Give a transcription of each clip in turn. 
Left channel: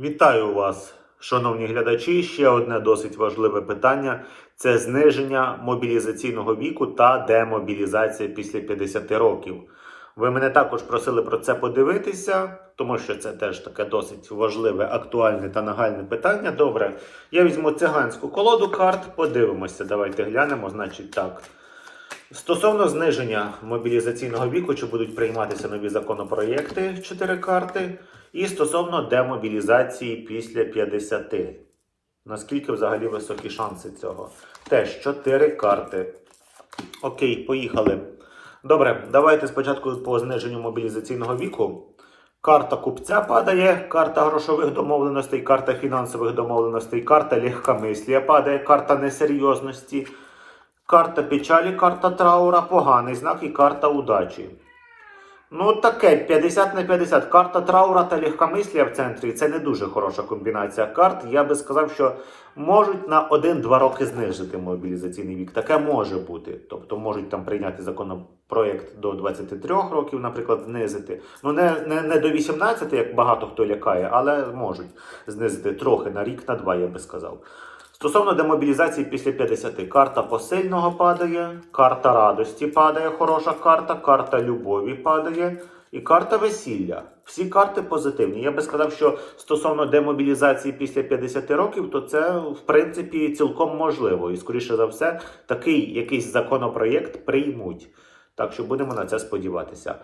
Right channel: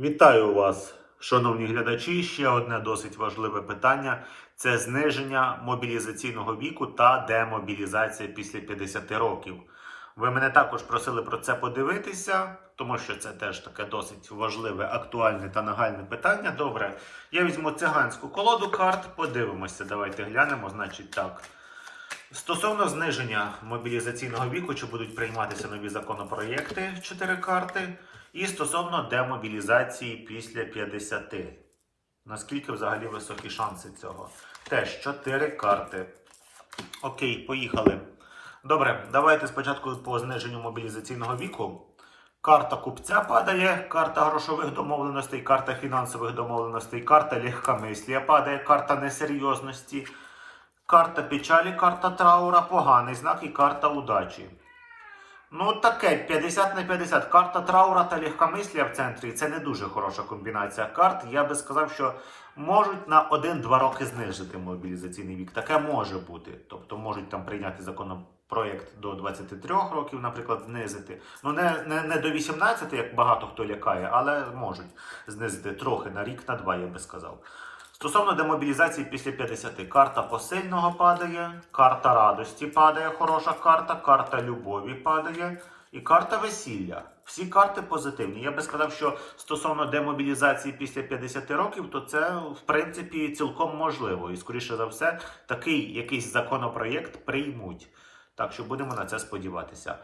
Вітаю вас, шановні глядачі. Ще одне досить важливе питання це зниження мобілізаційного віку та демобілізація після 50 років. Ви мене також просили про це подивитися, тому що це теж таке досить важливе, актуальне та нагальне питання. Добре, я візьму циганську колоду карт, подивимося. Давайте глянемо. Значить, так. Стосовно зниження мобілізаційного віку, чи будуть прийматися нові законопроєкти 4 карти, і стосовно демобілізації після 50. Наскільки взагалі високі шанси цього? Теж 4 карти. Окей, поїхали. Добре, давайте спочатку по зниженню мобілізаційного віку. Карта купця падає, карта грошових домовленостей, карта фінансових домовленостей, карта легкомислія падає, карта несерйозності. Карта печалі, карта траура, поганий знак і карта удачі. Ну, таке 50 на 50. Карта траура та легкомислія в центрі це не дуже хороша комбінація карт. Я би сказав, що можуть на 1-2 роки знижити мобілізаційний вік. Таке може бути. Тобто можуть там прийняти законопроєкт до 23 років, наприклад, знизити. Ну, не, не, не до 18, як багато хто лякає, але можуть знизити трохи на рік, на два, я би сказав. Стосовно демобілізації після 50, карта посильного падає, карта радості падає, хороша карта, карта любові падає і карта весілля. Всі карти позитивні. Я би сказав, що стосовно демобілізації після 50 років, то це в принципі цілком можливо. І скоріше за все, такий якийсь законопроєкт приймуть. Так що будемо на це сподіватися.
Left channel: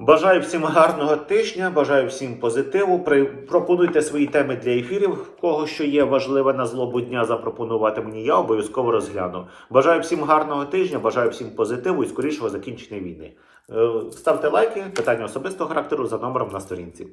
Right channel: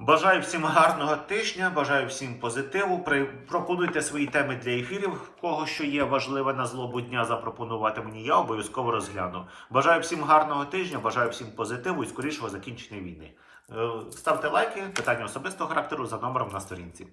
Бажаю всім гарного тижня, бажаю всім позитиву. Пропонуйте свої теми для ефірів. Кого що є важливе на злобу дня, запропонувати мені. Я обов'язково розгляну. Бажаю всім гарного тижня, бажаю всім позитиву і скорішого закінчення війни. Е, Ставте лайки, питання особистого характеру за номером на сторінці.